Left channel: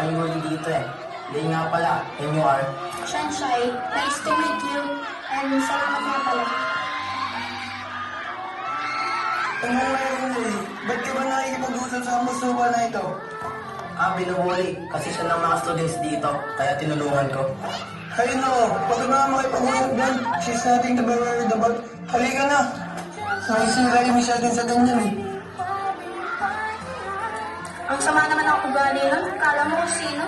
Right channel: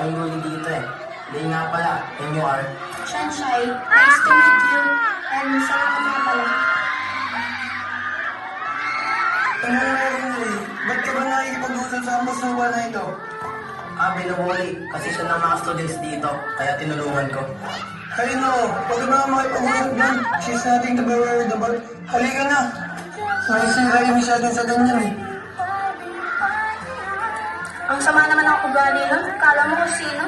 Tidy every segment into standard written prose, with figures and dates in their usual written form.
daming huli dito eh. Hindi nga pala, and you are. Shanshai, nice to meet you. And salamat nga pala. Ba't ka ba nakikipag-usap sa musuwa na ito? Binuhuli kasi siya ng mga students dito, kaya tinulungan ko. Ay no, pag na makipag-usap yan, she's nothing to be worried about. Halika na. Nakisira yung masyadong sa ganyan eh. Ang sama naman ako pag-gani nun. Kala mo kung sino?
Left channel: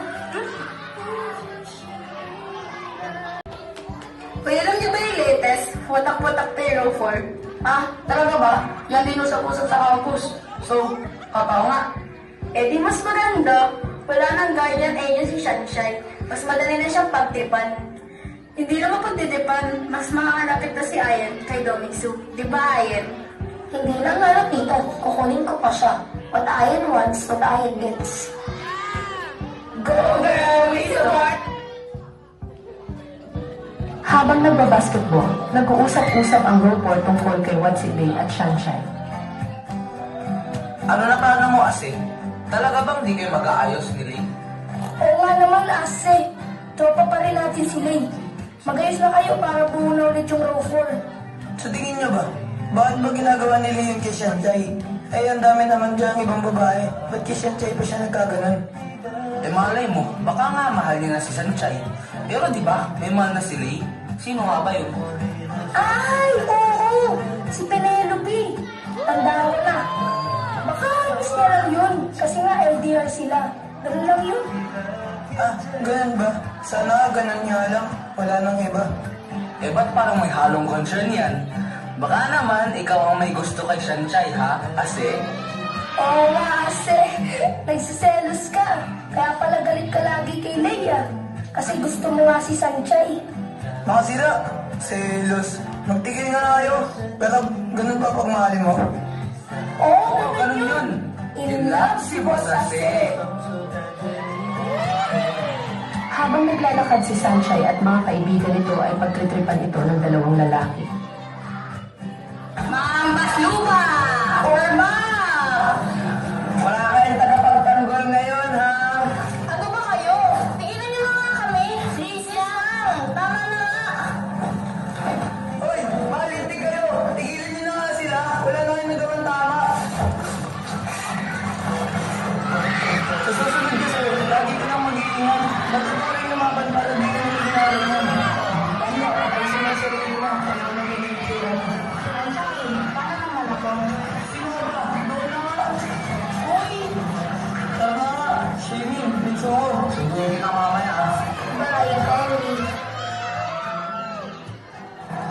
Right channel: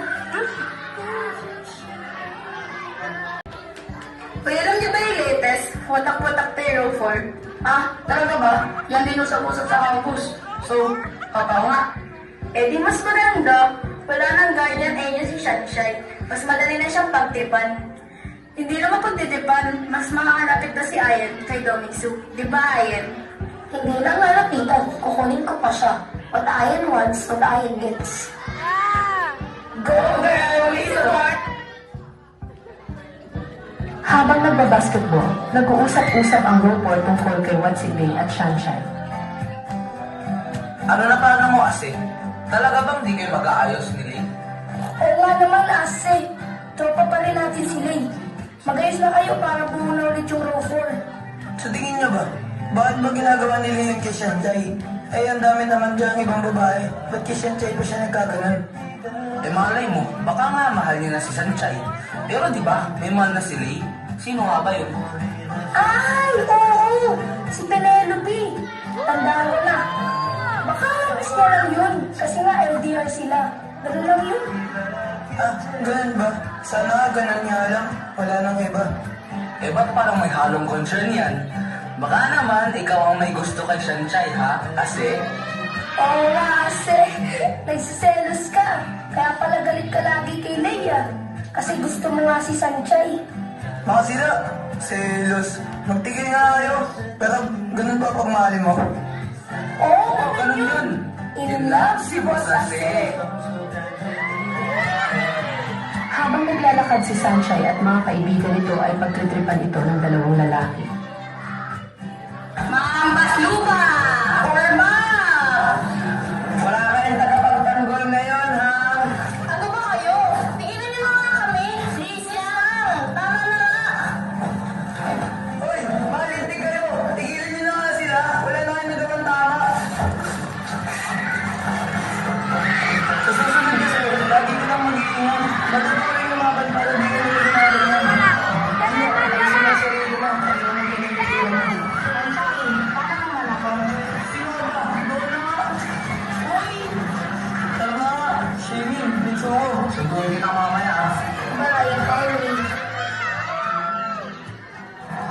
Uy, alam niyo ba yung latest? Watak-watak tayo for. Talaga ba? Yan din usap-usap sa campus. So, papaw nga. Eh di mas maganda. Wala nang guardian angel si Shanshai. Mas madali na siyang pagtipan. Hindi naman pagtitipan, mas makakalapit na si Ayan kay Domingsu. Di ba, Ayan? Hindi lang nalapitan, kukunin ko pa siya. What Ayan wants, what Ayan gets. Go girl! We support! Habang nagbabasketball, nag-uusap-usap ang Roper tungkol kay Watsibei at Shanshai. Ano na parang mo kasi? Talaga bang di kayo mag-aayos ni Lane? Oo nga naman, Ase. Tropa pa rin natin sila eh. Mag-ayos na kayo para bumuna ulit yung Roper. Sa tingin niyo ba, bakit ba ginagawa nila yung kay Shantai? Ay, ang dami naman dyan ibang babae. Ba't kay Shantai pa siya nagkaganon? Eh malay mo, baka nga mahal niya na si Sanchay. Pero di ba, may mahal na si Lane? Sino nga ba yun? Ay, oo! Si Penelope. Tandaan ko na. Baka miss niya lang yun. Kasi nga LDR sila. Ganun lang yun. Ganun ba? Sana ganun nga lang. Wala nang iba. Eh ba't parang may halong concern yan? Baka naman, ikaw ang may gusto kay Sanchay ha? Kasi... Oo nga, Ase. Nagsiselos ka. Kaya pala galit ka lagi kay Leia. Kasi gusto mo nga si Sanchay. Mga sila, selos. Magtigil nga kayo. Pero ganun ba pagmahali mo? Oo, Ganun yun. In love si Boss Ase. Habang naglalakad si Shanshai at mga kaibigan nito ay pagtritripan ito ng dalawang lalaki. Mambas lupa! Orma! Wala kayong tagapagtanggol ngayon, ha? Ano ba kayo? Tigilan niyo na nga kami. Please lang. Tama na nga. Hoy, malintig kayo. Tigilan niyo na nga sila. Wala na kayong nagawang tama. Sa susunod kasi, lagi ko lang mag-iingat. Matutuloy lumaban para di ka nyo ginagawa. Ano, ay sinasarili mo. Ano na ginagawa mo? Paano naman ako? Sino ka ba? Doon na nga. Hoy! Tama nga. Shirin, Mitsuko. Sunduin kita mamaya ha? Bye, Ellie.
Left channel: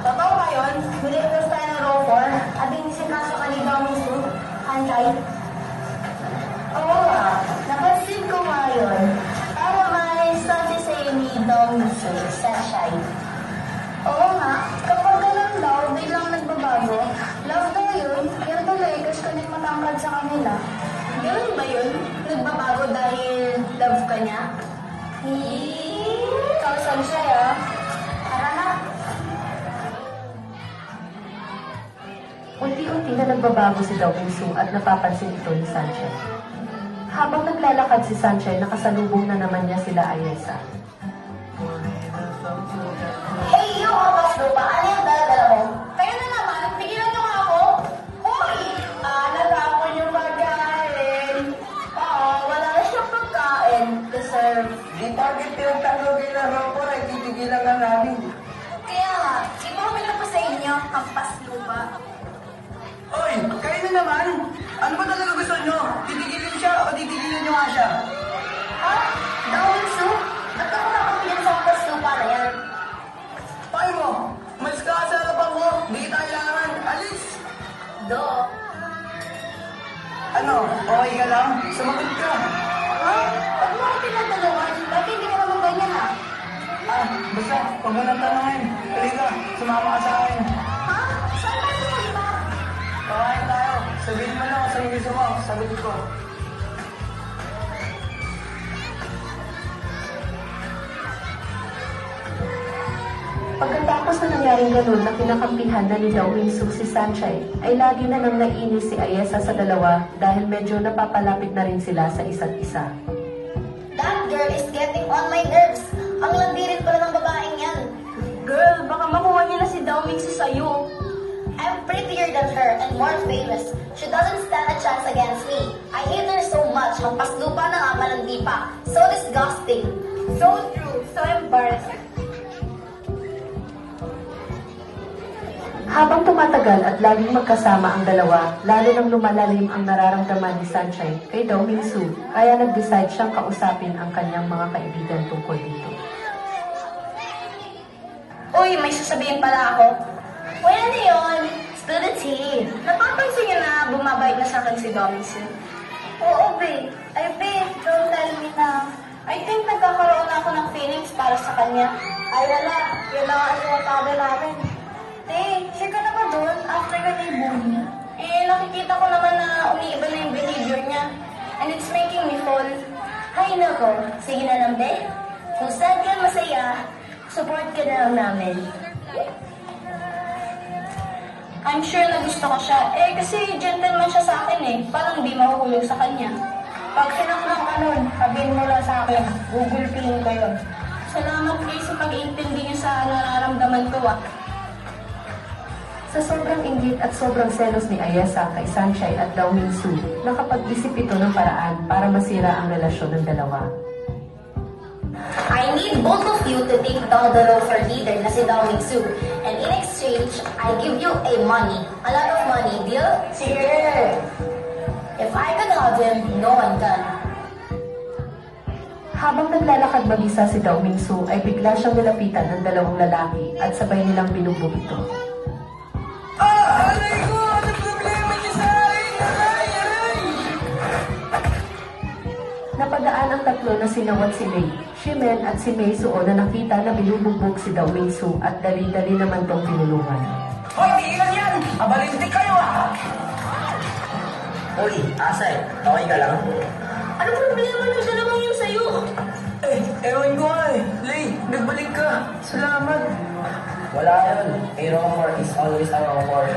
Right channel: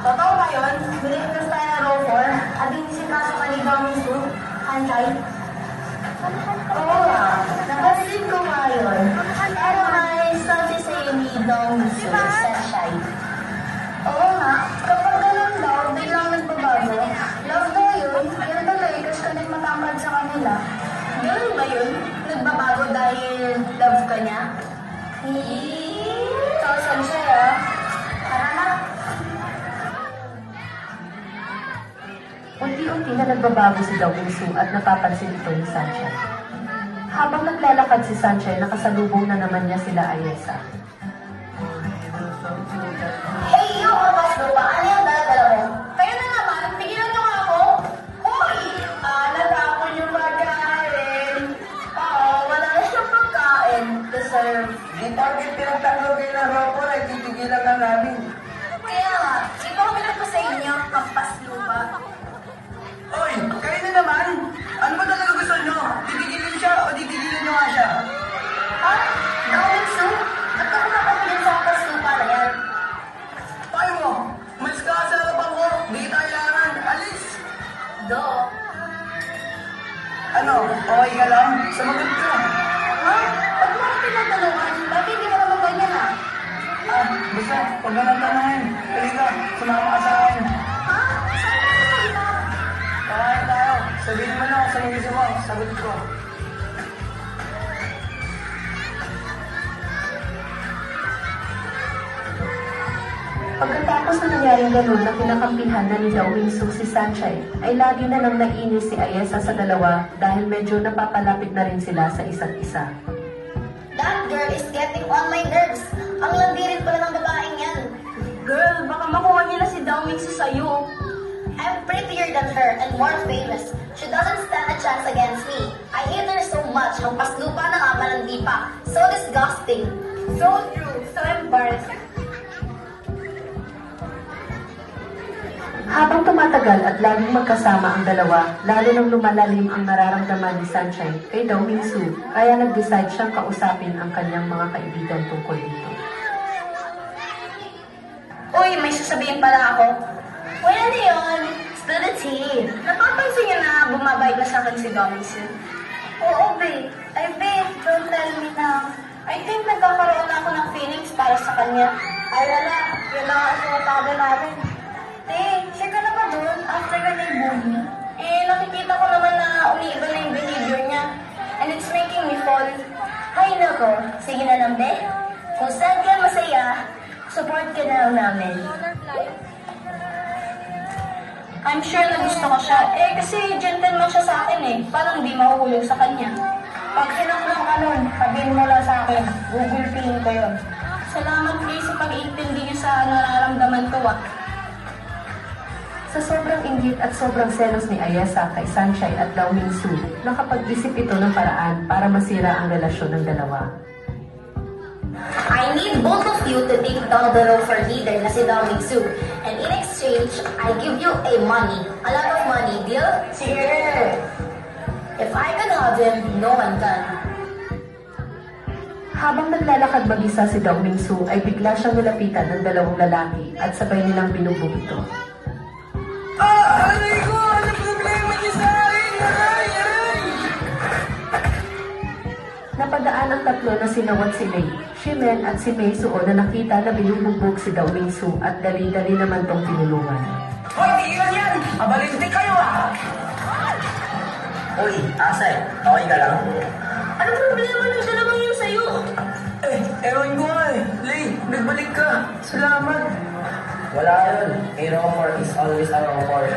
Totoo ba yun? Bilis na tayo ng Rover at inisikaso ka ni Domingsu, Sanchay. Oo nga, napansin ko nga yun. Pero may sabi sa'yo ni Domingsu, Shanshai. Oo nga, kapag ganun daw, biglang nagbabago. Love daw yun, kaya tuloy gusto nang matangkad sa kanila. Ganun ba yun? Nagbabago dahil love ka niya? Ikaw, Shanshai ah. Tara na. Unti-unti na nagbabago si Domingsu at napapansin ito ni Shanshai. Habang naglalakad si Shanshai, nakasalubong na naman niya sila Ayesa. Hey, yo, Abbas Lupa, ano yung dala-dala mo? Kayo na naman, pigilan niyo nga ako. Hoy! Natapon yung pagkain. Oo, wala na siyang pagkain. Deserve. Di target pinagtanggol na Roper ay titigilan ka namin. Kaya nga, di ba kami nagpa sa inyo, kampas lupa? Hoy, kayo na naman. Ano ba talaga gusto nyo? Titigilin siya o titigilan nyo nga siya? Ha? Domingsu? Ba't ako nakapilan sa kampas lupa na yan? Paano mo? Mas ka sa harapan ko. Di kailangan. Alis! Do. Ano? Okay ka lang? Sumagot ka. Ha? Huwag mo ako pinagdalawan. Dati hindi mo naman ganyan ah. Basta, huwag ka nang tanongin. Halika, sumama ka sa akin. Ha? Saan tayo pupunta? Kakain tayo. Sabihin mo na sa English mo. Sagot ko. Pagkatapos na nangyaring ganun na kinakampihan na ni Domingsu si Shanshai, ay lagi na nang nainis si Ayesa sa dalawa dahil medyo napapalapit na rin sila sa isa't isa. That girl Ang landi rin pala ng babaeng yan. Girl, baka makuha niya na si Daomingsu sa'yo. I'm prettier than her and more famous. She doesn't stand a chance against me. I hate her so much. Hampas lupa na nga malandi pa. So disgusting. So true, so embarrassing. Habang tumatagal at laging magkasama ang dalawa, lalo nang lumalalim ang nararamdaman ni Sunshine kay Daomingsu, kaya nag-decide siyang kausapin ang kanyang mga kaibigan tungkol dito. Uy, may sasabihin pala ako. Uy, ano yun? Spill the tea. Napapansin niyo na bumabait na sa akin si Daomingsu? Oo, babe. Ay, babe, don't tell me na. I think nagkakaroon na ako ng feelings para sa kanya. Ay, wala. Yun na ang iwataga namin. Te, sure ka na ba doon after ka na i-bully? Eh, nakikita ko naman na umiiba na yung behavior niya. And it's making me fall. Ay, nako. Sige na lang, be. Kung saan ka masaya, support ka na lang namin. I'm sure na gusto ko siya. Eh, kasi gentleman siya sa akin eh. Parang di mahuhulog sa kanya. Pag sinaklang ka nun, sabihin mo lang sa akin. Gugulpihin ko yun. Salamat kayo sa pag-iintindi niyo sa nararamdaman ko ah. Sa sobrang inggit at sobrang selos ni Ayesa kay Sunshine at Daomingsu, nakapag-isip ito ng paraan para masira ang relasyon ng dalawa. I need both of you to take down the low for leader na si Daomingsu. And in exchange, I give you a lot of money, deal? Sige! If I can have him, no one can. Habang naglalakad mag-isa si Daomingsu ay bigla siyang nilapitan ng dalawang lalaki at sabay nilang binugbog ito. Aray ko! Ano problema niya sa akin? Aray! Napadaan ang tatlo na sinawat si Lei, Shimen at si Mei Suo na nakita na binubugbog si Daomingsu at dali-dali naman tong tinulungan. Hoy, tigilan yan! Abalintik kayo ah! Uy, Asay, okay ka lang? Ano problema nung siya naman yung sa'yo? Eh, ewan ko nga eh. Lay, nagbalik ka. Salamat. Wala yun. A rumor is always a rumor.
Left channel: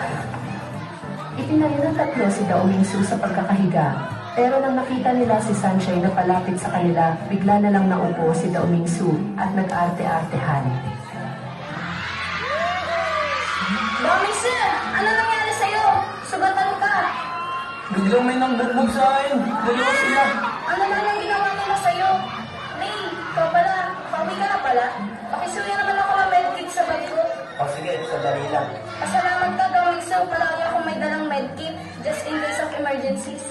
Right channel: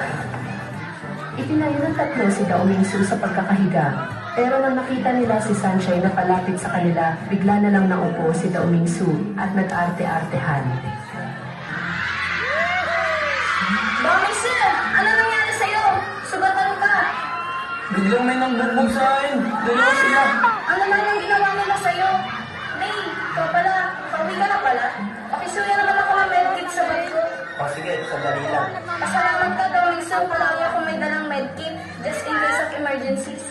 Itinayo ng tatlo si Daomingsu sa pagkakahiga, pero nang nakita nila si Sunshine na palapit sa kanila, bigla na lang naupo si Daomingsu at nag-arte-artehan. Daomingsu, ano nangyari sa'yo? Sugatan ka. Biglang may nangbugbog sa akin. Dalawa sila. Ano naman ang ginawa nila sa'yo? May, ikaw pala. Pauwi ka na pala. Pakisuya naman ako ng medkit sa bag ko. O sige, sadali lang. Pasalamat ka, Daomingsu. Palagi akong may dalang medkit just in case of emergencies.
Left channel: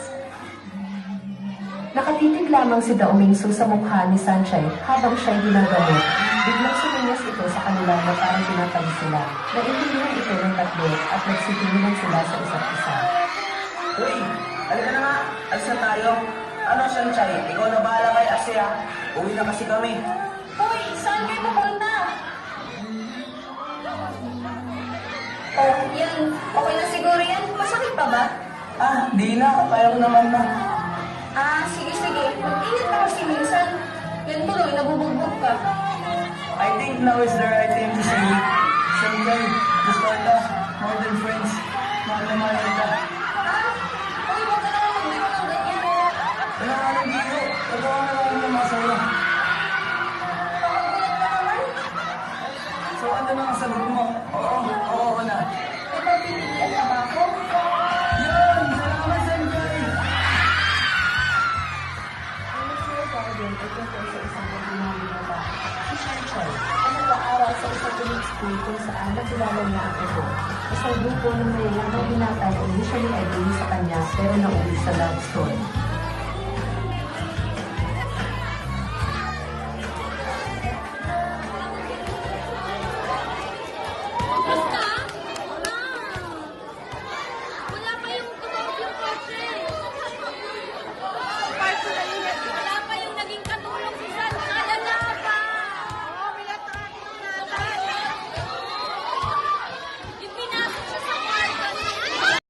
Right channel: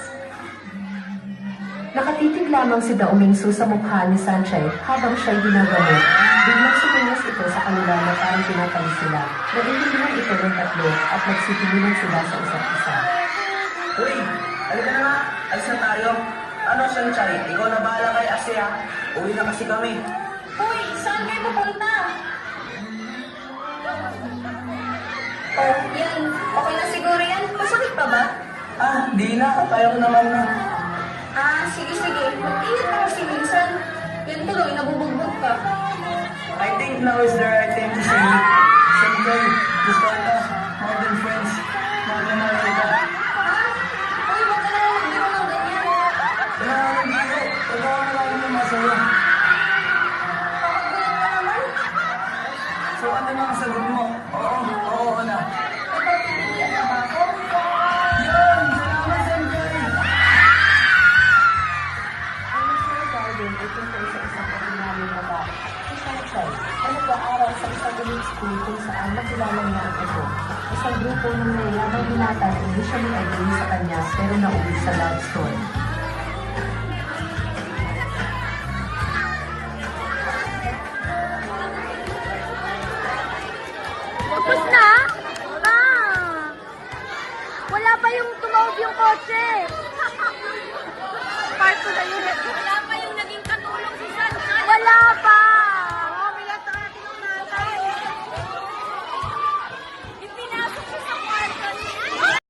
Nakatitig lamang si Daomingsu sa mukha ni Sunshine habang siya'y ginagamot. Biglang suminyas ito sa kanila na parang tinatalis sila. Naiintindihan ito ng tatlo at nagsitinginan sila sa isa't isa. Uy, halika na nga. Alis na tayo. Ano, Sunshine? Ikaw na bahala kay Asya. Uwi na kasi kami. Uy, saan kayo pupunta? Oh, yan. Okay na siguro yan. Masakit pa ba? Ah, di na. Kaya ko naman na. Ah, sige. Mag-ingat ka kasi minsan. Yan tuloy, nabubugbog ka. I think now is the right time to say, Siyempre, gusto ka. More than friends. Mahal na mahal ka. Ha? Uy, huwag ka na magbiro ng ganyan. Wala ka nang biro. Pagawa na lang ng masaya. Pakagulat ka naman. So ano na ang sagot mo? Oo na. Ikaw pinigilan na ba ako? Yun! Salamat, Sensei! School kung saan nakilala niya ang ito. Isang grupo ng mayayabang binata na initially ay sa kanya pero nauwi sa love story.